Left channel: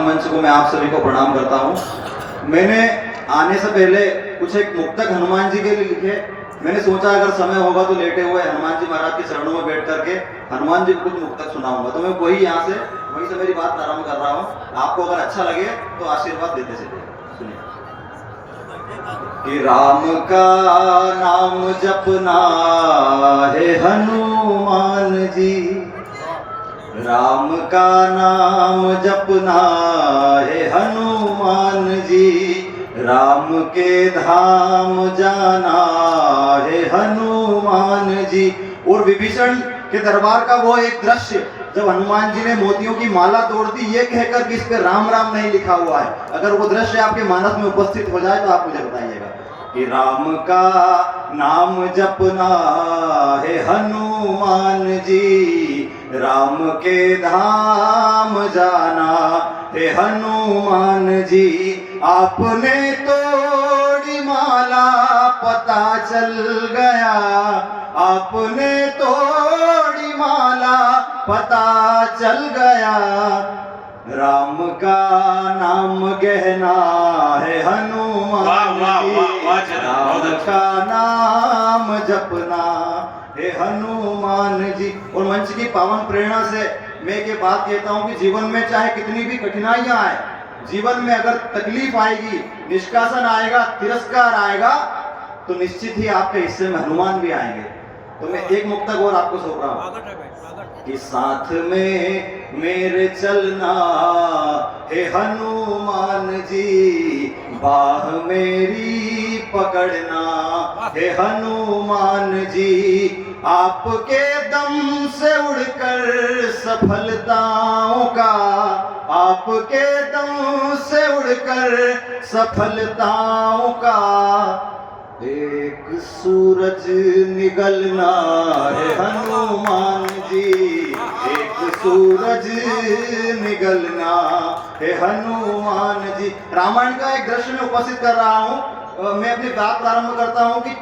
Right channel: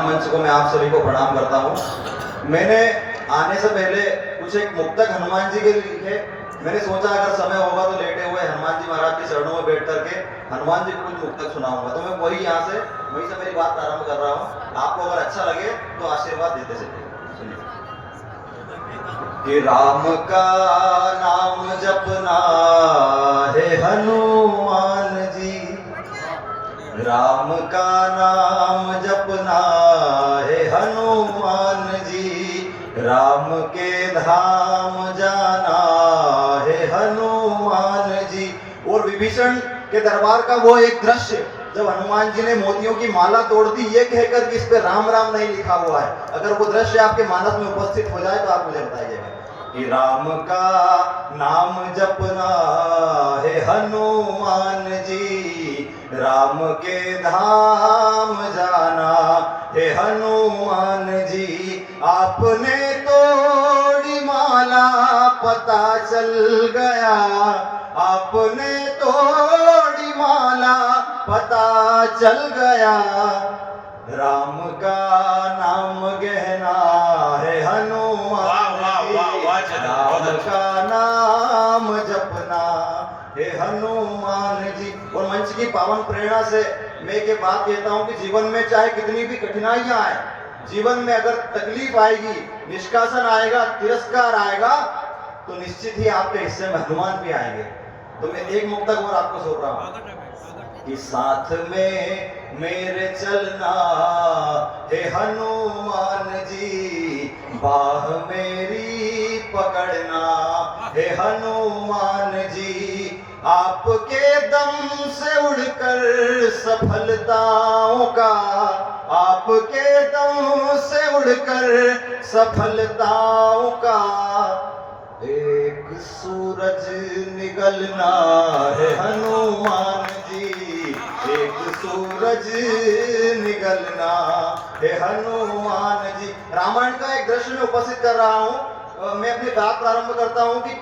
पावन मंच को मैं आप सभी को प्रणाम करता हूँ। मैंने आने से पहले कुछ एक मुक्तक हनुमान जी के लिए लिखे। मैंने सोचा अगर समय होगा तो लेटे हुए हनुमान जी महाराज के चरणों में बैठ करके हनुमान जी को कुछ मुक्तक सुनाऊंगा। तो मैं वहीं से मेरी बात आरंभ कर रहा हूँ। आपको अगर अच्छा लगे तो आशीर्वाद देते चलिए। सुनिए कि राम का नाम जपना है हनुमान जी, राम का नाम जपना है हनुमान जी, राम के धाम जाना है हनुमान जी। और विभीषण के दरबार का वो एक दृश्य जब हनुमान जी ने मोतियों की माला तोड़ दी ये कहकर कि इस पे राम राम नहीं लिखा हुआ है, अगर वो दृश्य आपके मानस में उपस्थित हो जाए तो आप मुझे बताइएगा कि राम का नाम जपना है हनुमान जी, राम के धाम जाना है हनुमान जी। आपने तोड़ी माला पता चल गया, आपने ततोड़ी माला पता चल गया, राम का नाम गहना है हनुमान जी, राम का नाम जपना है हनुमान जी। और मंच की पावन प्रेरणा से मैं ये बात कहता हूँ कि जीवन में चाहे कितनी भी कठिनाइयां आए, जीवन में अगर तकलीफ आएगी, निष्कासन आएगा, तिरस्कार आएगा, तो निश्चित ही आपके हिस्से में हनुमान भी आएंगे। तो मैं एक मुक्तक और आपको सौंप रहा हूं कि साथ में मेरे चलना है हनुमान जी, बाह मेरी पकड़ना है हनुमान जी, आपके दम से उड़कर सफलताओं का, आपके दम से उड़कर सफलताओं का एक सूरज निकलना है हनुमान जी, एक सूरज निकलना है हनुमान जी। रामायण का एक दृश्य में उपस्थित कर रहा हूँ। मैं अपनी बात प्रारंभ करता हूँ कि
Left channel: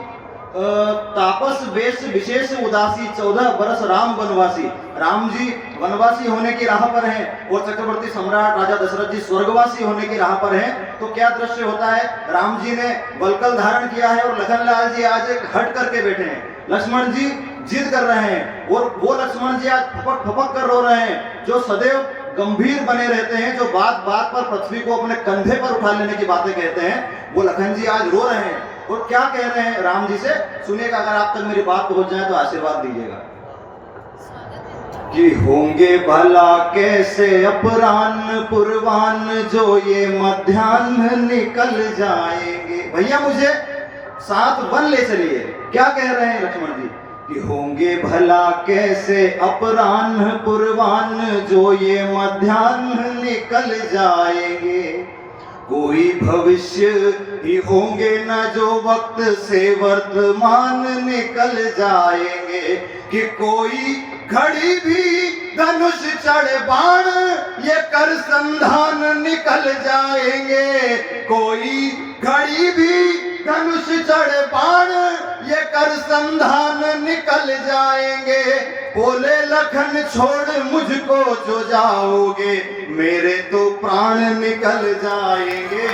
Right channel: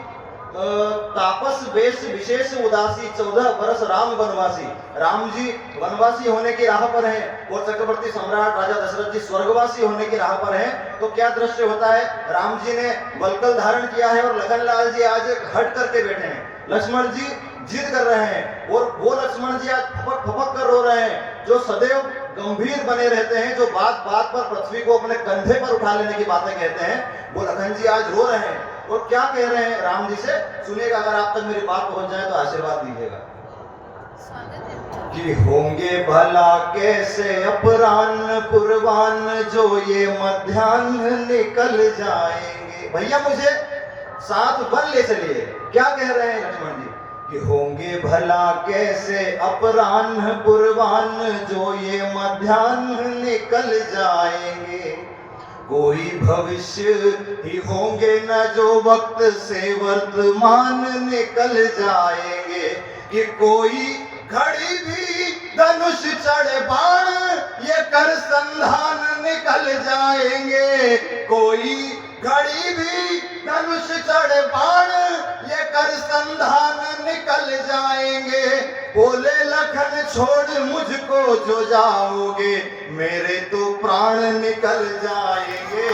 तापस वेश विशेष उदासी 14 बरस राम वनवासी। राम जी वनवासी होने की राह पर हैं और चक्रवर्ती सम्राट राजा दशरथ जी स्वर्गवासी होने की राह पर हैं। तो क्या दृश्य होता है, राम जी ने वलकल धारण किया है और लखनलाल जी आज एक हट करके बैठे हैं। लक्ष्मण जी जिद कर रहे हैं और वो लक्ष्मण जी आज फपक फपक कर रो रहे हैं, जो सदैव गंभीर बने रहते हैं, जो बात बात पर पृथ्वी को अपने कंधे पर उठा लेने की बातें कहते हैं, वो लखन जी आज रो रहे हैं। और क्या कह रहे हैं राम जी से, सुनिएगा। अगर आप तक मेरी बात पहुंच जाए तो आशीर्वाद दीजिएगा कि होंगे भला कैसे अपराह्न पूर्वान, जो ये मध्याह्न निकल जाएंगे। भैया मुझे साथ वन ले चलिए। क्या कह रहे हैं लक्ष्मण जी कि होंगे भला कैसे अपराह्न पूर्वान, जो ये मध्याह्न निकल जाएंगे, कोई भविष्य ही होंगे न जो वक्त से वर्तमान निकल जाएंगे, कि कोई घड़ी भी धनुष चढ़ बाण ये कर संधान निकल जाएंगे, कोई घड़ी भी धनुष चढ़ बाण ये कर संधान निकल जाएंगे। बोले लखन छोड़ मुझको जो जाओगे, मेरे तो प्राण निकल जाएंगे,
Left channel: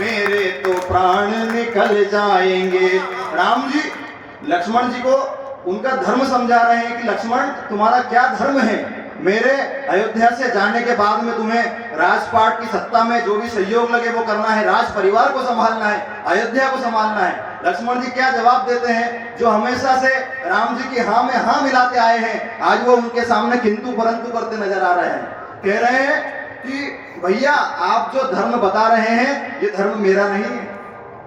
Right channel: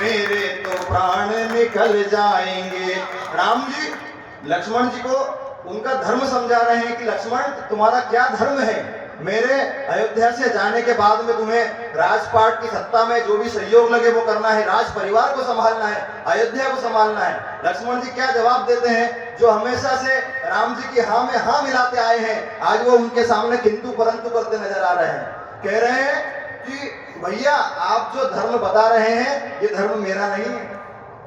मेरे तो प्राण निकल जाएंगे। राम जी लक्ष्मण जी को उनका धर्म समझा रहे हैं कि लक्ष्मण तुम्हारा क्या धर्म है, मेरे अयोध्या से जाने के बाद में तुम्हें राजपाट की सत्ता में जो भी सहयोग लगे वो करना है, राज परिवार को संभालना है, अयोध्या को संभालना है। लक्ष्मण जी क्या जवाब देते हैं, जो हमेशा से राम जी की हाँ में हाँ मिलाते आए हैं, आज वो उनके सामने किंतु परंतु करते नजर आ रहे हैं। कह रहे हैं कि भैया आप जो धर्म बता रहे हैं ये धर्म मेरा नहीं है,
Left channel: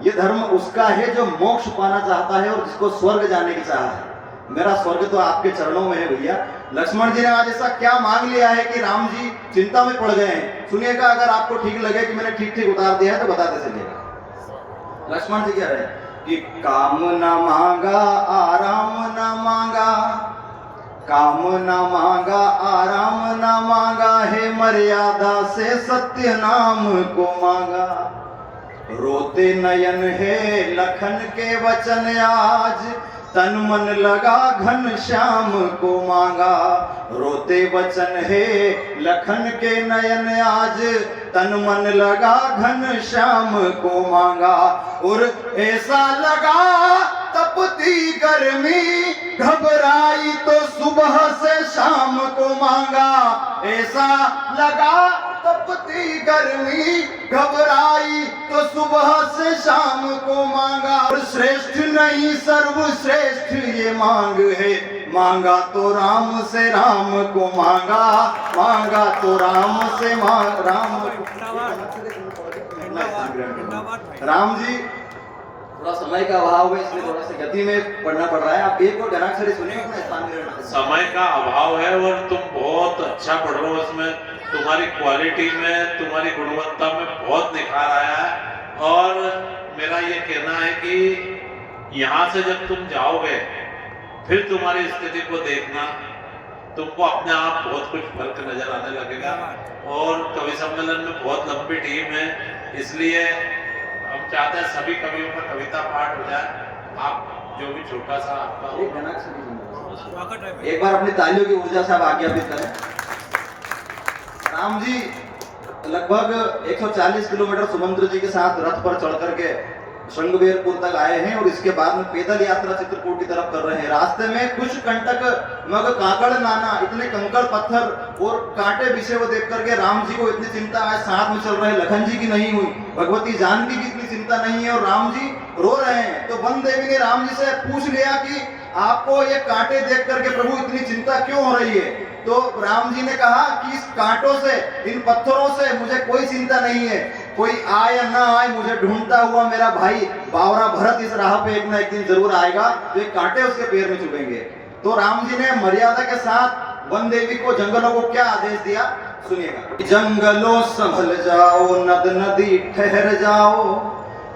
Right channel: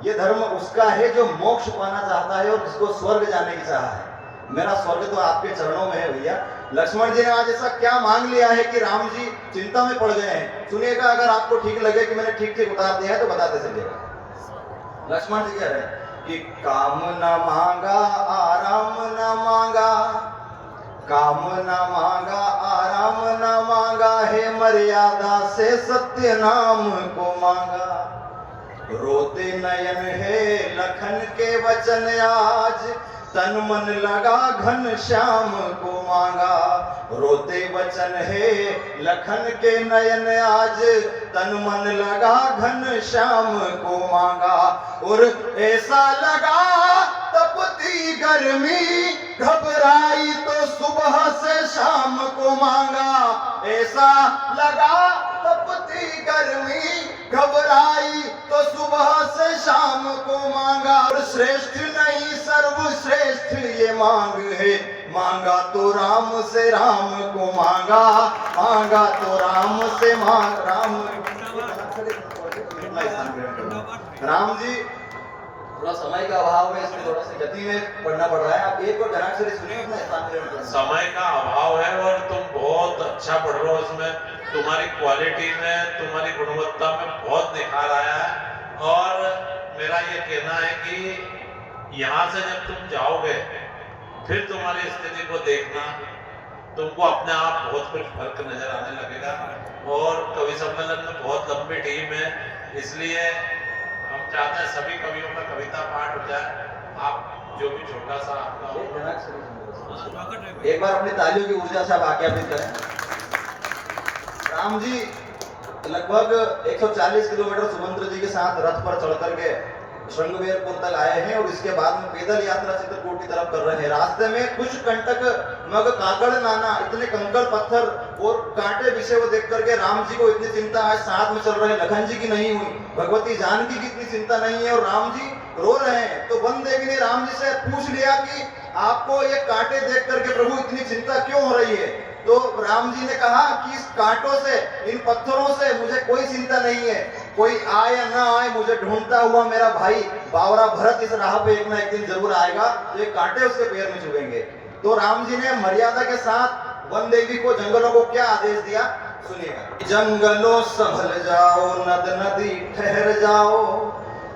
ये धर्म उसका है जो मोक्ष पाना चाहता है और जिसको स्वर्ग जाने की चाह है। मेरा स्वर्ग तो आपके चरणों में है भैया। लक्ष्मण जी ने आज ऐसा क्या मांग लिया है कि राम जी चिंता में पड़ गए हैं। सुनिएगा, अगर आपको ठीक लगे कि मैंने ठीक ठीक उतार दिया है तो बताते चलिएगा। लक्ष्मण जी कह रहे हैं कि काम न मांगा आराम न मांगा, काम न मांगा आराम न मांगा है, मर्यादा से सत्य नाम को मांगा। रोते नयन है लखन के वचन आज, तन मन लगा घन श्याम को मांगा, रोते वचन है लखन के नयन आज, तन मन लगा घन श्याम को मांगा। और ऐसा लगा तपती गर्मी, घबराई तो सुबह से शाम को मांगा। ऐसा लगा तपती गर्मी, घबराई तो सुबह से शाम को मांगा। और श्रेष्ठ नहीं सर्वश्रेष्ठ ये मांग है, मांगा तो राम से राम को मांगा, मांगा तो राम से राम को। राम जी थोड़ा समय का अभाव है, इसलिए थोड़ा सा गति में पढ़ना पड़ रहा है। आप एक और गणाक्षरी सुनिए, अपना स्थान ग्रहण करें। समय का अभाव है और तुम बहुत अच्छा पढ़ रहे हो, इसमें तुम्हारी क्वालिटी में, तुम्हारी गुणवत्ता में बहुत निखार आया है। और मेरा ये कहना है कि यहाँ से जब तुम जाओगे फिर तुम्हारी स्थिति को देखना, तुमको अपने आप बहुत कुछ फर्क नजर आने लगेगा। और कवि सम्मेलन में बहुत लंबी टीम है, इसलिए हम चाहते हैं सभी कवियों का कविता पाठ हो जाए। आप जो भी छोटा सा एक बार अपनी तालियों की ऊर्जा से आप आज्ञापित करें। राम जी लगभग 140 किलोमीटर सुमंत्र जी के साथ रथ पर चढ़ करके श्रृंगबेरपुर तक आए हैं और इसके बाद में पैदल यात्रा चित्रकूट की तरफ कर रहे हैं। रास्ते में कुछ कंटक मग काकड़ नाना, इतने कंकड़ पत्थर और कांटे बिछे हुए देख करके राम जी को इतनी चिंता आज साथ में चल रहे लखन जी की नहीं हुई, भगवती जानकी की इतनी चिंता नहीं है और राम जी रो रहे हैं। तो वन देवी ने राम जी से पूछ लिया कि आपको ये कांटे देख करके प्रभु इतनी चिंता क्यों हो रही है? तो राम जी ने कहा कि इस कांटों से, इन पत्थरों से मुझे कोई चिंता नहीं है, कोई आए या ना आए, मुझे ढूंढता हुआ मेरा भाई बावरा भरत इस राह पे एक ना एक दिन जरूर आएगा, तो ये कांटे उसके पैर में चुभेंगे। तो राम जी ने मर्यादा के साथ वन देवी को, जंगलों को क्या आदेश दिया सुनिएगा। जंगलों संभल जाओ, नद नदी ठहर जाओ,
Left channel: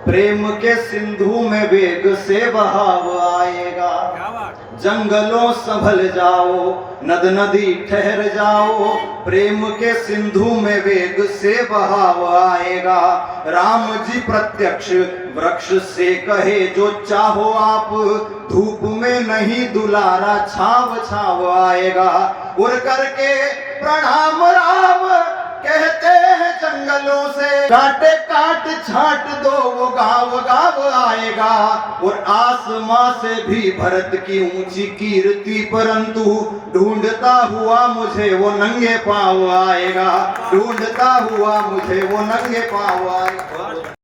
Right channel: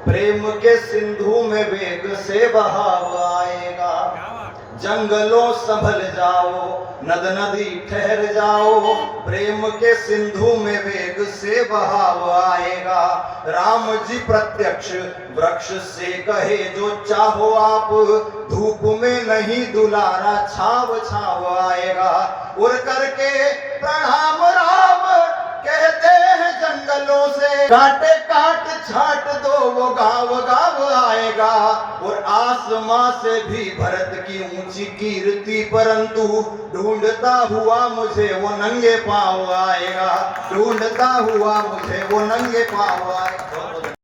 प्रेम के सिंधु में वेग से बहाव आएगा। जंगलों संभल जाओ, नद नदी ठहर जाओ, प्रेम के सिंधु में वेग से बहाव आएगा। राम जी प्रत्यक्ष वृक्ष से कहे जो चाहो आप, धूप में नहीं दुलारा छाव छाव आएगा। उड़ करके प्रणाम राम कहते हैं जंगलों से, कांटे काट छाट दो वो गाँव गाँव आएगा। और आसमां से भी भरत की ऊंची कीर्ति, परंतु ढूंढता हुआ मुझे वो नंगे पाँव आएगा, ढूंढता हुआ मुझे वो नंगे पाँव आएगा।